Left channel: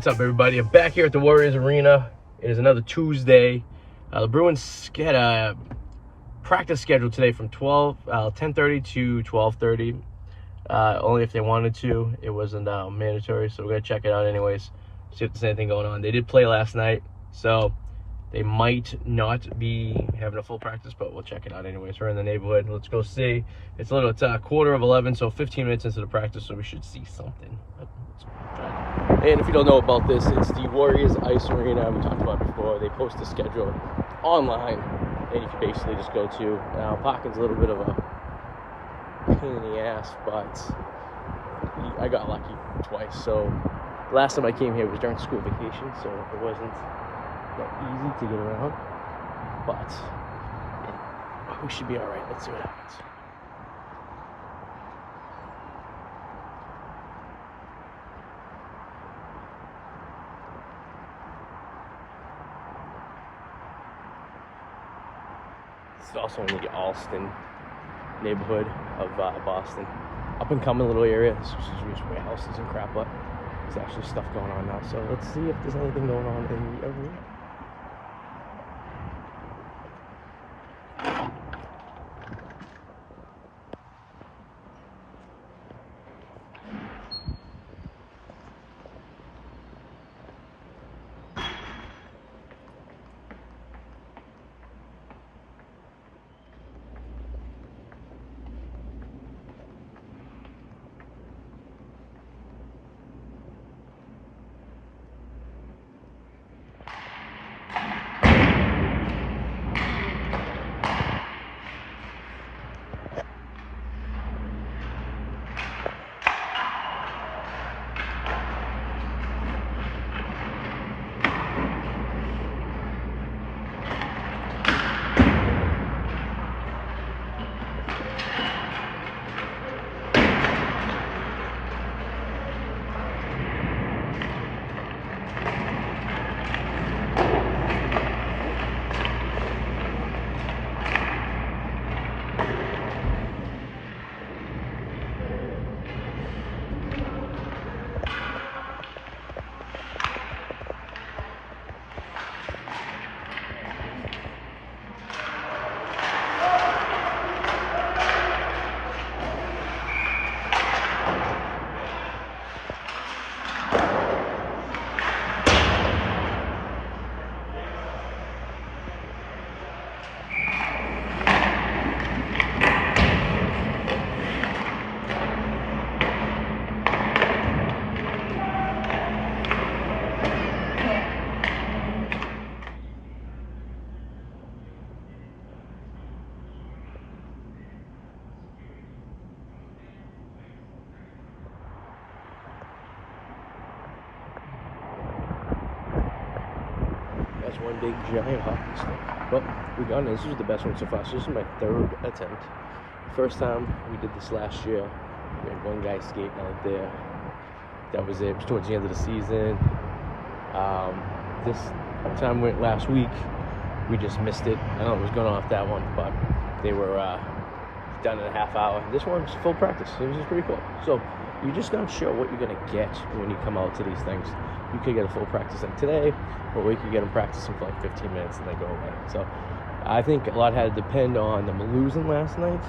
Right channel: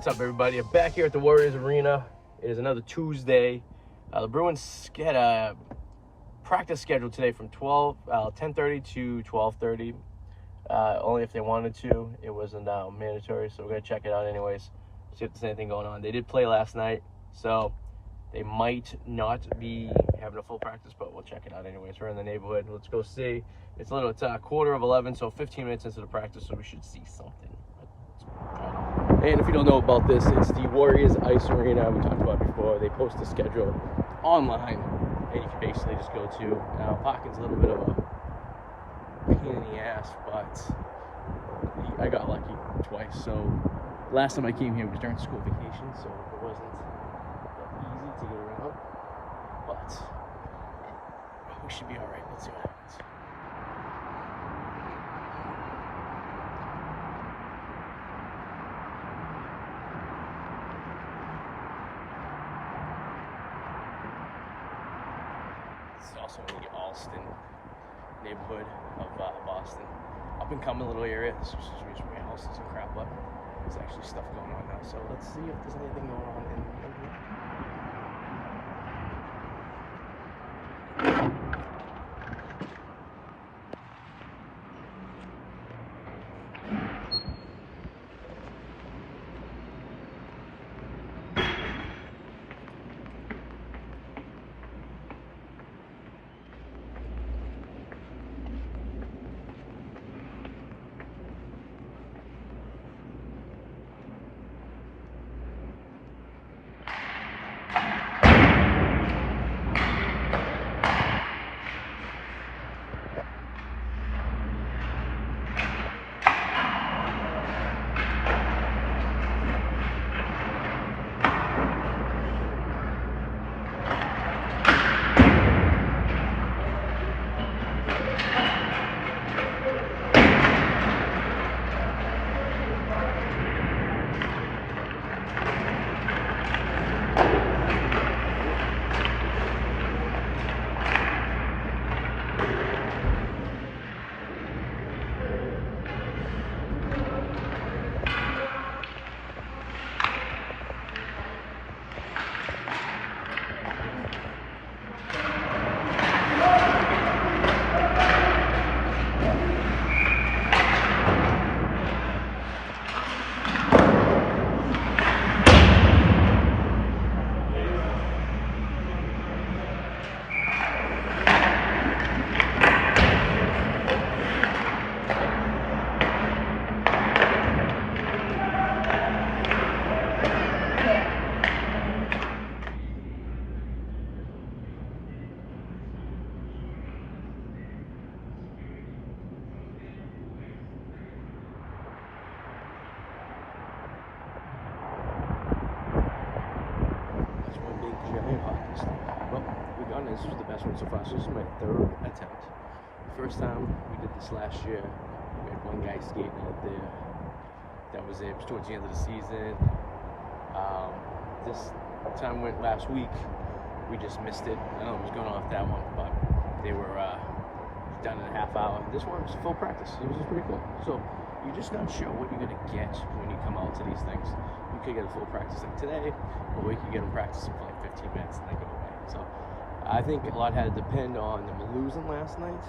What's up, everybody? I'm back here at the Warriors Arena. It is another Tuesday. The Bruins had a practice scheduled today from 10:30 to 12:30. Only if they wanted to. It wasn't mandatory, so we're going to check it out anyways, see if there's anything going on. They did play last night, so they might not be having a full practice, but we'll check it out anyways. We're in the neighborhood. Let's go see. It's 11:15, so 15 minutes into the practice, so we should see something. And if you don't know about this, it's the Warriors Ice Arena we talked about before. They post a schedule online, and you can basically just go to. Now, parking's a little bit of a pain in the ass, but I got lucky twice. So last time I came here was during school vacation, so it wasn't that easy to get around. But we should be all right. Let's see what happens. It's also in the Allston neighborhood of Boston. Up and coming little area. This is just warehouses and crap, but there's actually stuff going on now. So let's see if there's anything going on in the area. One big giant hockey stick. Well, we got it. This is the best one so far. So this is my third attempt. First time we did this last year. We had one guy skating out there. That was it. It was towards the end of the season. This time went last week. We just missed it. I don't know what was going on with that one, but they were done in a half hour. This one was full practice. It was just pretty cool. So you're just not sure what you're gonna get when you come out to these things. You could get a full practice like today, or we could get them practicing for like 15 minutes and then go away. So I think a lot had to depend on them losing last night,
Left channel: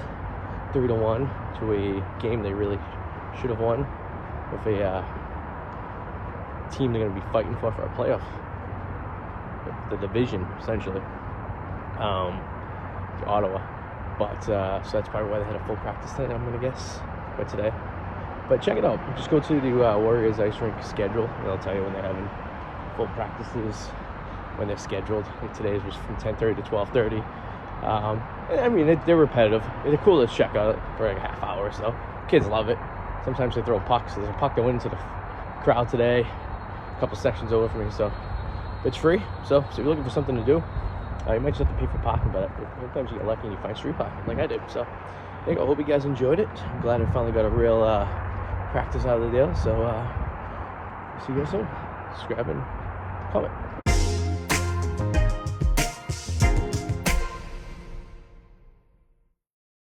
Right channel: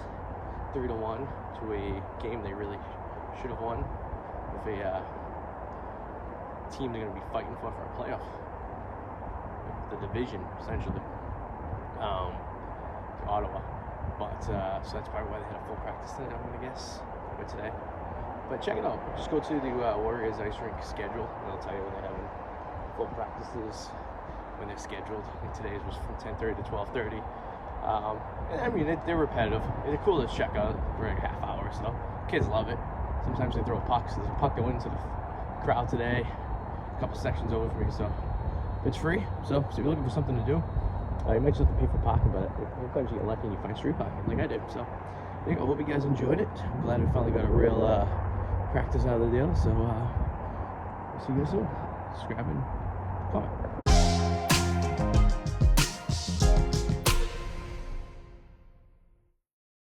3-1, to a game they really should have won, with a team they're going to be fighting for a playoff, the division essentially, Ottawa. But so that's probably why they had a full practice tonight, I'm going to guess, for today. But check it out. Just go to the Warriors Ice Rink schedule, and I'll tell you when they're having full practices, when they're scheduled. Like today's was from 10:30 to 12:30. I mean, they're repetitive. They're cool to check out for like a half hour or so. Kids love it. Sometimes they throw pucks. There's a puck that went into the crowd today, a couple sections over from me, so it's free. So if you're looking for something to do, you might just have to pay for parking, but sometimes you get lucky and you find street parking, like I did. So there you go. I hope you guys enjoyed it. I'm glad I finally got a real practice out of the deal. So see you guys soon. Subscribe and comment.